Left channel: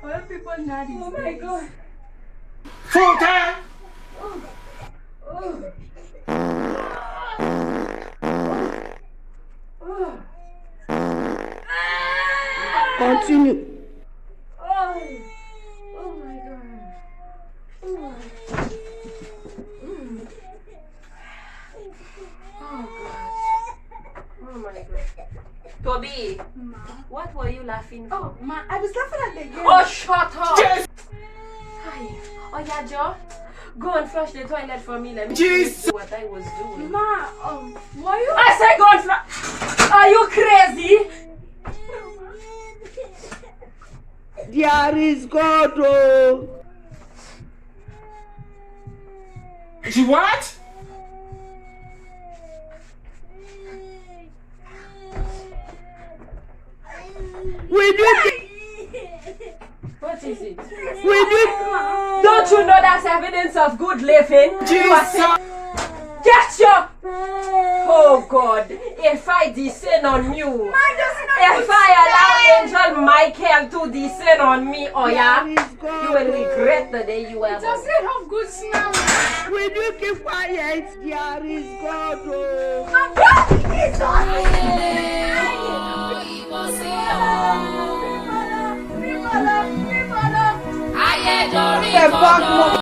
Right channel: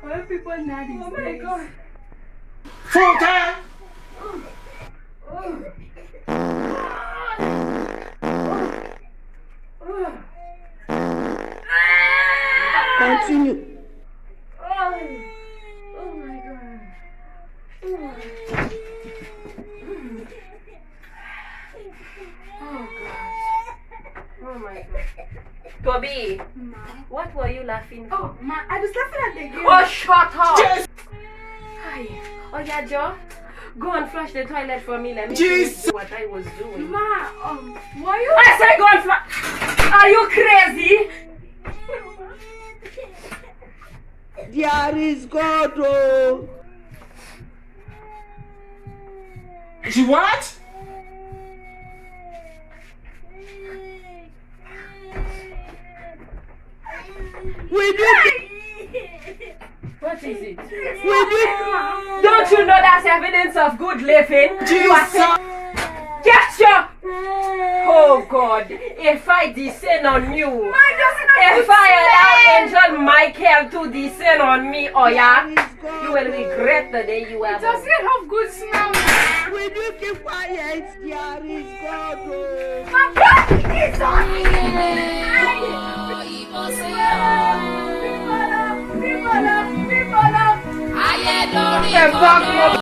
Why people now these days? Oh my God. Full time. Continue. Oh my God. Oh my God. Toby, what were you laughing for? Oh, ma, I was laughing at the game. Oh, shut up! Yes. Hi. Oh, yeah, Joe. Go and flush the toilet for me. Let me Jesus. see what I was doing. Ma, why you? I said go and flush. Are you crazy? There is God, oh. She what? Will you What is it? will you Don't you know that's evidence of good living? Jesus. Get your... Oh God, if I descend on you, if I allow Angel Michael to descend on me, oh yeah, There is God, you will regret the day you are Does born. it have good smell? Will you keep quiet? There is God, oh. People, The back